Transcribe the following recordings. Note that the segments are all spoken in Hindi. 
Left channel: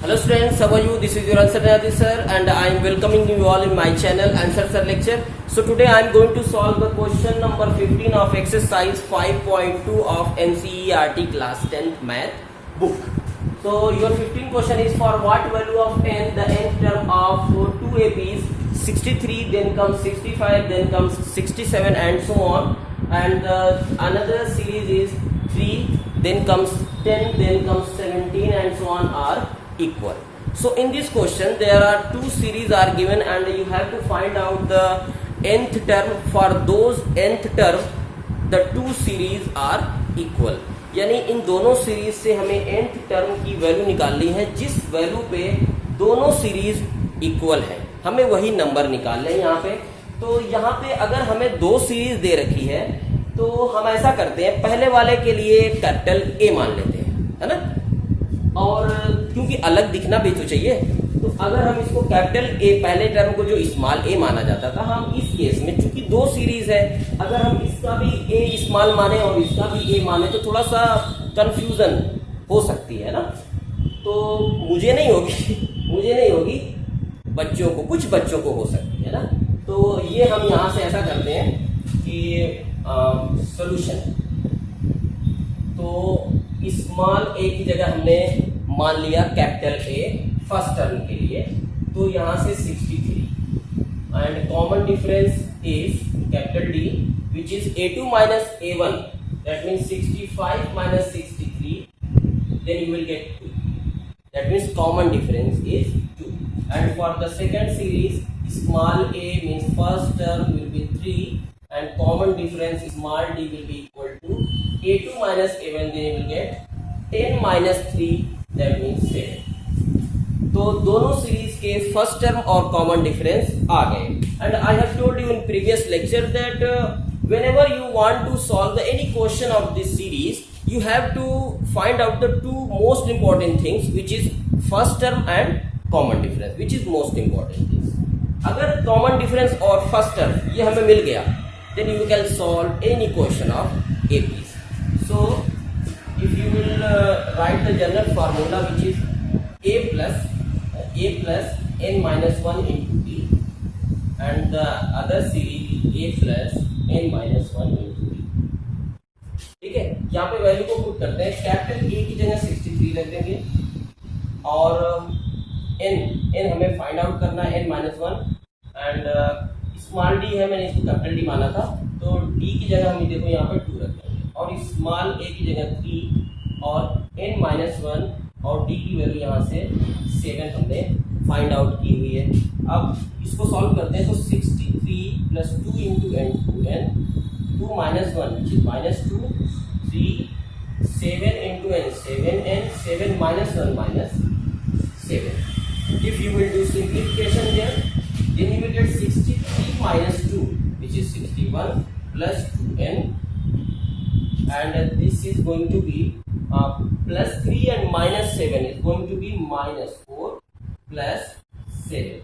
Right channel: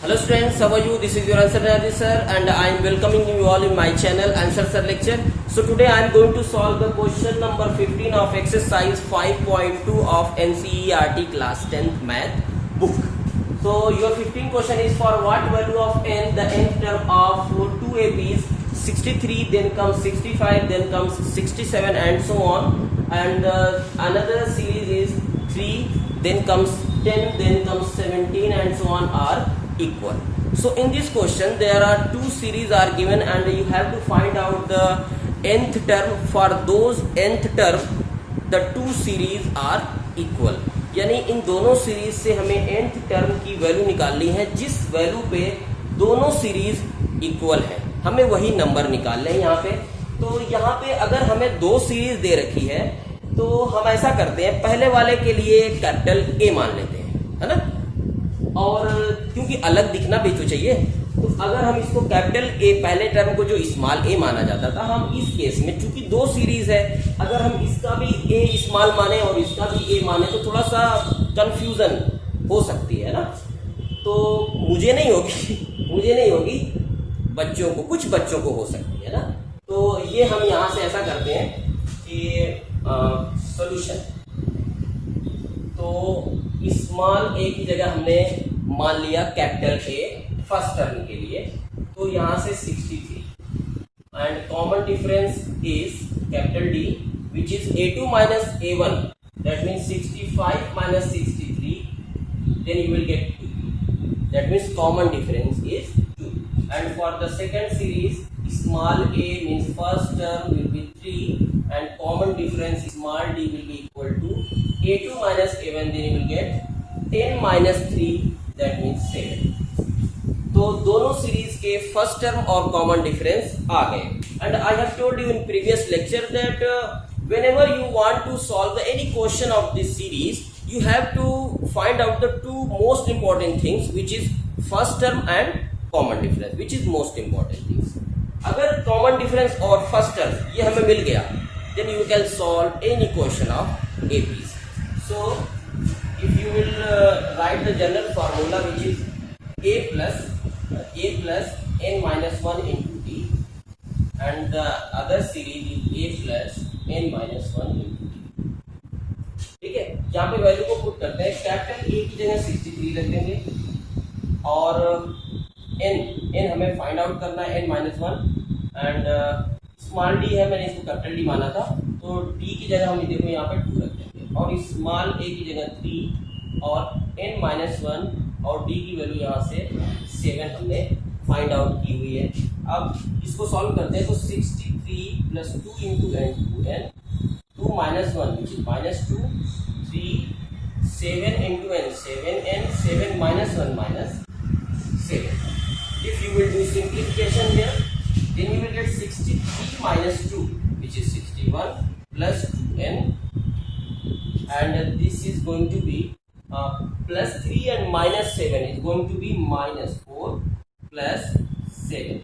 Hello students, how are you? This is your answer Radhi sir and I am welcoming you all in my channel Answer Sir Lecture. So today I am going to solve the question number 15 of exercise 5.2 of NCERT class 10th math book. So your 15 question is for what value of n, the nth term of 2ab is 63, then comes 65, then comes 67 and so on, and another series is 3, then comes 10, then comes 17 and so on are equal. So in this question there are two series are given and you have to find out the nth term. For those nth term the two series are equal, यानी इन दोनों सीरीज से हमें nth टर्म की वैल्यू निकालनी है जिस वैल्यू पे दोनों सीरीज इक्वल है, हमें वही नंबर निकालना है यहाँ पे। तो यहाँ पे अगर हमें दो सीरीज दे रखी है तो हम ऐसा करते हैं, पहले वाले के लिए कैपिटल ए मान लेते हैं, है ना, और क्योंकि अलग दिखना भी तो चाहिए, तो अगर हम इसको कैपिटल ए, पहले टर्म को जो स्मॉल ए माना जाता था, हम इस केस में चूंकि दो सीरीज है, अगर हम इसका भी ए स्मॉल माने और इसका भी ए माने तो थोड़ा सा कंफ्यूजन हो सकती है ना। तो मुझे नहीं होगी, बच्चों को, कुछ बच्चों को हो सकती है ना। तो ये हम यहाँ से ऐसा करते हैं कि सॉल्यूशन, तो स्मॉल ए की जगह हमने मान लिया कैपिटल ए फर्स्ट टर्म के लिए, तो यहाँ से 63 and common difference is capital D which is a2 minus a1, that means 65 minus 63, then you will get 2, that means common difference is 2. And for the second series, small a means first term will be 3 and common difference small d will be equal to a2 minus a1, then you will get 10 minus 3, that means 7. तो दोनों सीरीज के फर्स्ट टर्म और कॉमन डिफरेंस आ गए। And I have told you in previous lecture that whenever you want to solve any question of this series, you have to find out the two most important things, which is first term and common difference, which is most important things. अगर common difference और first term ये हमें मिल गया, then you can solve any question of APs. So if you will write the general formula, which is a plus n minus 1 into d, and the other series is a plus n minus 1 into d. ठीक है, यहाँ पे वैल्यू को पुट करते हैं, कैपिटल ए की जगह 63 रख देंगे और n हमें फाइंड आउट करना है n minus 1 and small D है, मैंने इसको कैपिटल डी माना था, तो d की जगह हम देखो यहाँ पे 2 रख देंगे और स्मॉल ए की जगह 3 और n minus 1 और d की वैल्यू यहाँ से 7 हमने फाइंड आउट की हुई है। अब इसको सॉल्व करते हैं, तो 63 plus 2 into n 2 minus 1 which is minus 2, 3, 7 into n 7n, 7 minus 1 minus 7. If you will do simplification here, then you will get 63 minus 2 which is 61 plus 2n, and this is going to be plus 3 and minus 7 is going to be minus 4 plus 7.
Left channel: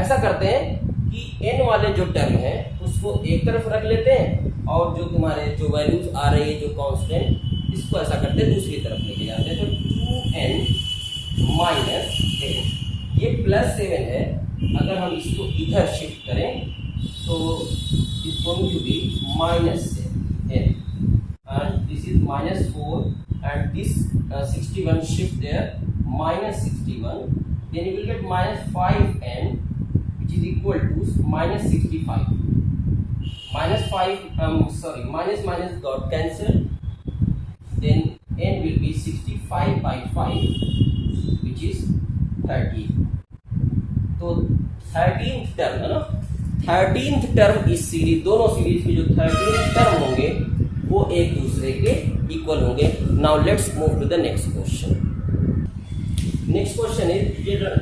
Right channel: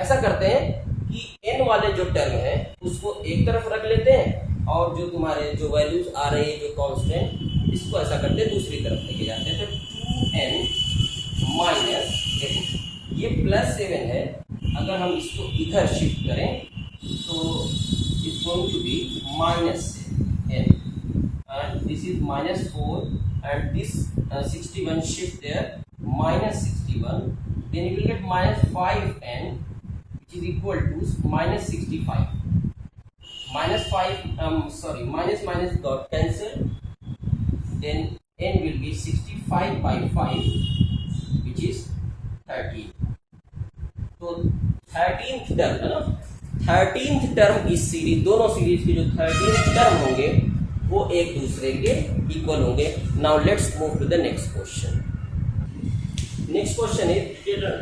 ऐसा करते हैं कि n वाले जो टर्म है उसको एक तरफ रख लेते हैं और जो तुम्हारे जो वैल्यूज आ रही है जो कांस्टेंट, इसको ऐसा करते हैं दूसरी तरफ लेके जाते हैं। तो 2n माइनस, देखो ये प्लस 7 है, अगर हम इसको इधर शिफ्ट करें तो it's going to be minus n and this is minus 4 and this 61 shift there minus 61, then you will get minus 5n which is equal to minus 65. Minus 5 minus got cancelled, then n will be 65 by 5 which is 13. तो 13th टर्म है ना, 13th टर्म इस सीरीज, दोनों सीरीज के जो 13th टर्म होंगे वो एक दूसरे के इक्वल होंगे। Now let's move to the next question. Next question is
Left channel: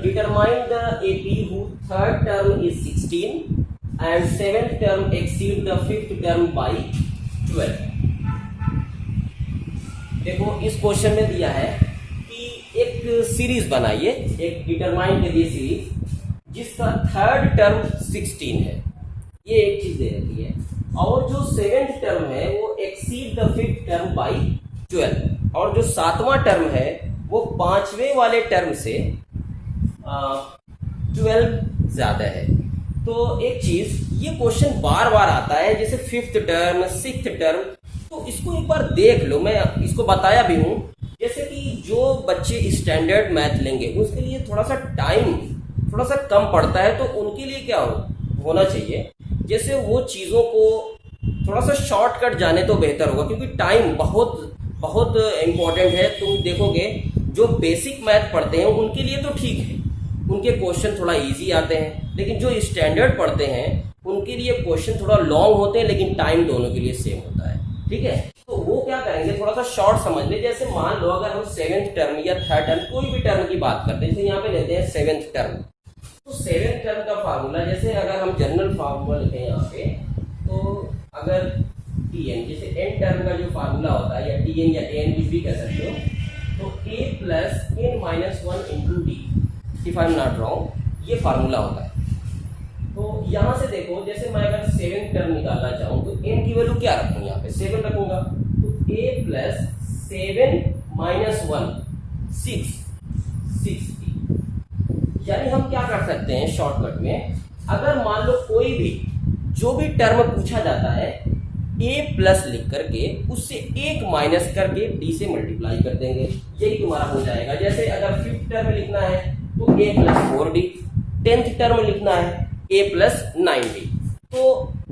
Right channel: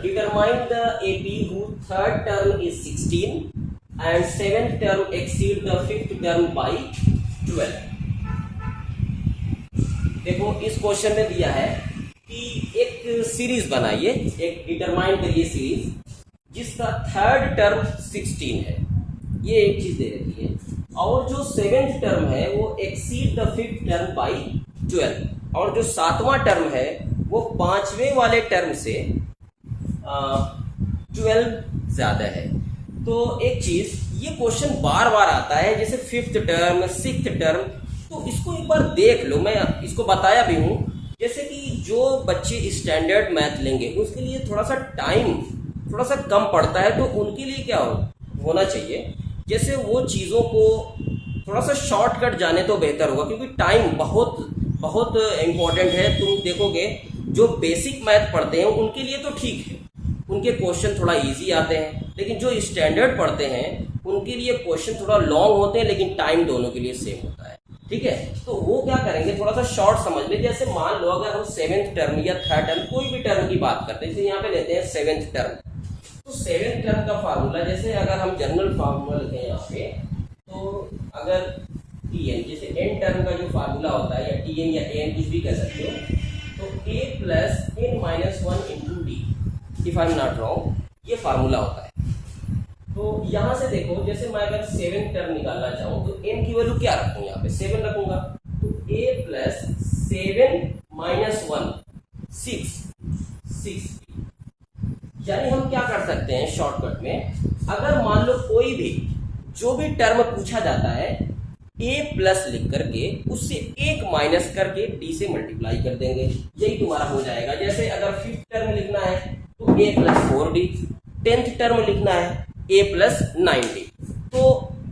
determine the AP who third term is 16 and seventh term exceed the fifth term by 12। देखो इस क्वेश्चन में दिया है कि एक सीरीज बनाइए, एक डिटरमाइन करिए सीरीज जिसका थर्ड टर्म 16 है, ये एक चीज दे रखी है, और जो सेवेंथ टर्म है वो exceed the fifth term by 12, और जो सातवां टर्म है वो पांचवें वाले टर्म से 12 ज्यादा है। तो एक चीज, ये क्वेश्चन बार बार आता है, जैसे 5th टर्म 6th टर्म, तो इसको एक बार देख लो। मैं इसको बताया भी हूं, जैसे कि जो बच्चे स्टैंडर्ड मैथ लेंगे उसके लिए थोड़ा सा टाइम थोड़ा सा कम पड़ता है, तो उनके लिए क्या होना चाहिए, जैसे वो चीज़ों को थोड़ा सा शॉर्टकट जाने तो बेहतर होगा, क्योंकि टाइम बहुत बहुत इम्पोर्टेंट है। तुम देखोगे जो बेसिक मैथ पढ़ते हैं उनके लिए तो ठीक है, उनके क्वेश्चन थोड़ा इजी आते हैं, लेकिन जो स्टैंडर्ड पढ़ते हैं उनके लिए क्वेश्चन थोड़ा लॉन्ग होते हैं, लेकिन टाइम दोनों के लिए सेम होता है। ठीक है, तो वो क्या करेंगे, थोड़ा सा शॉर्ट समझ ले। जैसे मान लो अगर हम 7th टर्म या 3rd टर्म कोई भी टर्म की बात करते हैं, जैसे यहाँ पे लेते हैं 7th टर्म, तो 7th टर्म का फार्मूला, जैसे अगर हम जनरल फार्मूला लिखें यहाँ पे, तो अगर tn, जैसे n टर्म का जो फार्मूला होता है, या tn या an कुछ भी कह सकते हो, तो a plus n minus 1 into D, if I am not wrong, ये फार्मूला होता है। तो यहां से देखो, जैसे मैं अगर 7th टर्म निकालना चाहूं तो n की वैल्यू क्या रखूं, यहाँ पे 7 रखूंगा, तो a प्लस 7 माइनस 1 6, यानी हम क्या कर सकते हैं शॉर्टकट में, अगर मान लो कोई भी जो भी टर्म पूछा जाता है, a प्लस लिख करके उससे 1 माइनस करके d से मल्टीप्लाई कर देंगे, यही तुम्हारा हो जाएगा। जैसे अगर 5th टर्म लिखना है तो a plus 4d, 10th term लिखना है a प्लस 9d, तो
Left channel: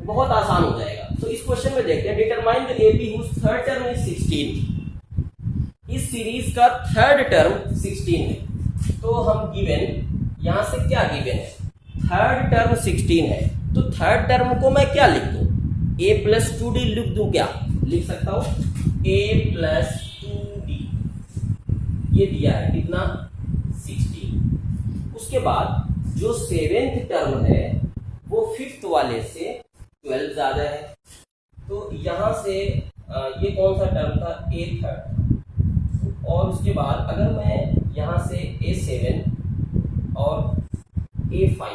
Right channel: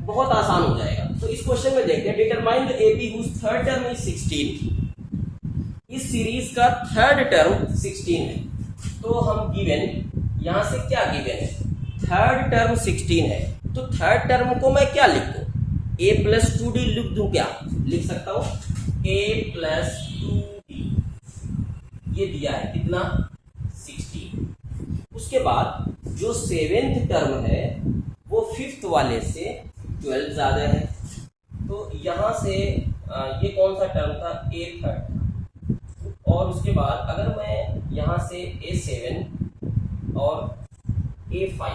बहुत आसान हो जाएगा। तो इस क्वेश्चन में देखते हैं, determine the AP whose third term is 16। इस सीरीज का थर्ड टर्म 16 है, तो हम गिवन, यहां से क्या गिवन है, थर्ड टर्म 16 है, तो थर्ड टर्म को मैं क्या लिख दूं, a प्लस 2d लिख दूं, क्या लिख सकता हूं, a प्लस 2d, ये दिया है कितना 16। उसके बाद जो 7th टर्म है वो 5th वाले से 12 ज्यादा है, तो यहां से ये कौन सा टर्म था, a थर्ड, और उसके बाद अगर मैं यहां से a7 और a5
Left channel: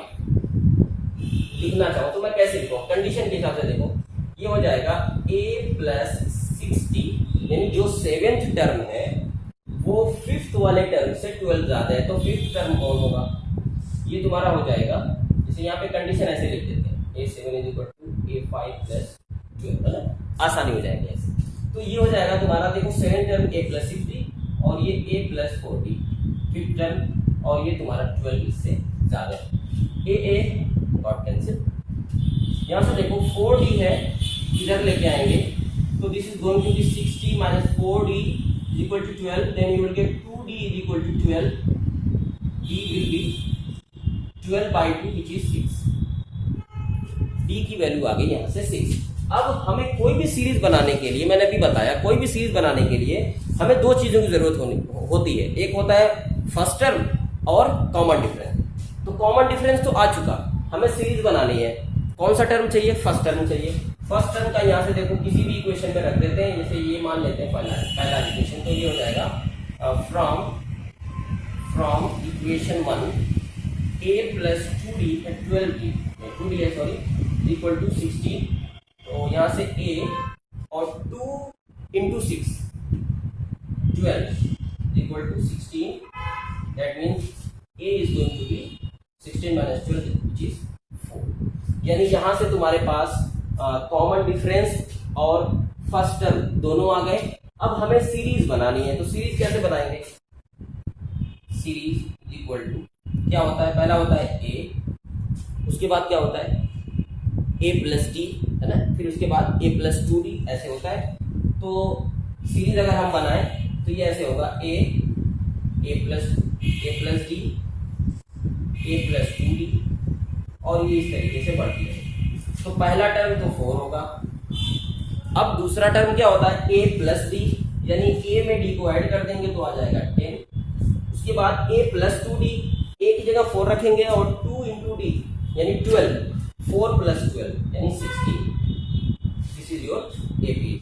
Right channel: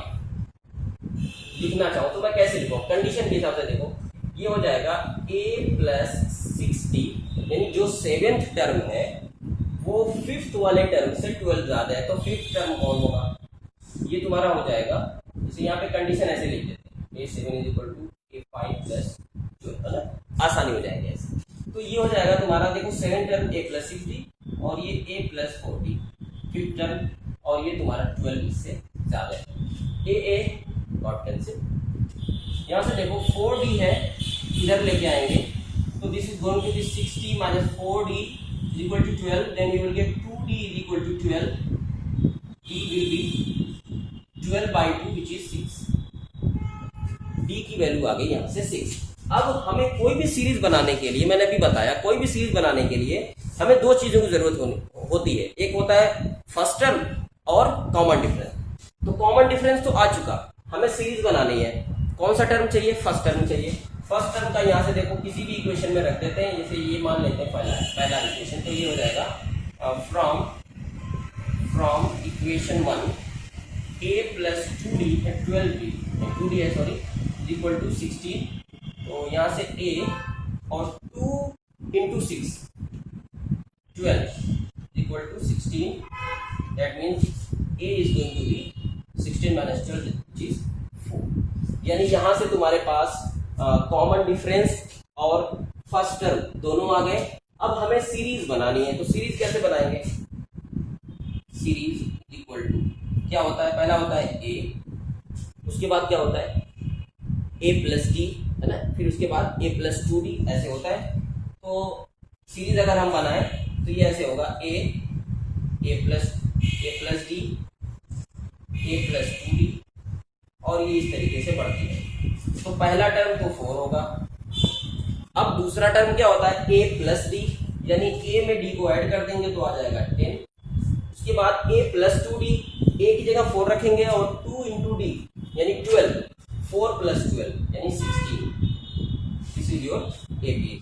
लिखना चाहूं तो मैं कैसे लिखूं, कंडीशन के हिसाब से देखो, ये हो जाएगा a प्लस 60, यानी जो 7th टर्म है वो 5th वाले टर्म से 12 ज्यादा है, तो 5th टर्म कौन होगा, ये तुम्हारा हो जाएगा। जैसे यहाँ पे कंडीशन ऐसे लिख देते हैं, a7 is equal to a5 plus 12, है ना, आसानी हो जाएगी ऐसे। तो ये हो जाएगा तुम्हारा, देखो 7th टर्म a प्लस 60 और ये a प्लस 40, 5th टर्म, और ये तुम्हारा 12 इससे ज्यादा है, a गॉट कैंसिल। यहाँ से देखो 4d है, इधर लेके आएंगे, तो this is going to be 60 minus 4d is equal to 12, then you will get 2d is equal to 12, d will be 12 by 2 which is 6, d की वैल्यू आ गई यहाँ से 6। अब हमें कोई भी सीरीज बनाने के लिए, मैंने अभी बताया, कोई भी सीरीज बनाने के लिए हमें दो चीजों की जरूरत होती है, एक होता है फर्स्ट टर्म और कॉमन डिफरेंस। तो कॉमन डिफरेंस तो आ चुका, हमें सीरीज बनानी है, कौन सा टर्म चाहिए, फर्स्ट टर्म चाहिए। फर्स्ट टर्म का यहाँ से देखो किसी भी इक्वेशन में रख देते हैं, जैसे ये मान लेते हैं पहला इक्वेशन, तो ये हो जाएगा from equation 1 a plus 2d है 12d, 2d है सॉरी, इक्वल टू 16, तो यहाँ से a और 2 into 6 12 equal to 16, that means a is going to be 16 minus 12 which is 4। यानी यहाँ से तुम्हारे पास कॉमन डिफरेंस और फर्स्ट टर्म दोनों आ गए। अब हमें सीरीज बनानी है, तो सीरीज कैसे बनाएंगे, सीरीज इक्वल टू क्या होता है, पहला होता है a, उसके बाद क्या होता है a प्लस डी, है ना, फिर उसके बाद a प्लस 2d, ऐसे होता है। तो सीरीज अगर हम बनाएं तो ये ऐसे होगा a plus D, a plus 2d, और ये इस तरीके से बढ़ती है। तो पहला टर्म तो 4 होगा। अब दूसरा टर्म क्या होता है, a प्लस डी, यानी a में d को ऐड कर देंगे तो आ जाएगा 10। उसके बाद a प्लस 2d, a की जगह 4 रखेंगे और 2 इंटू डी यानी 12, 4 प्लस 12 यानी 16, दिस इज योर AP।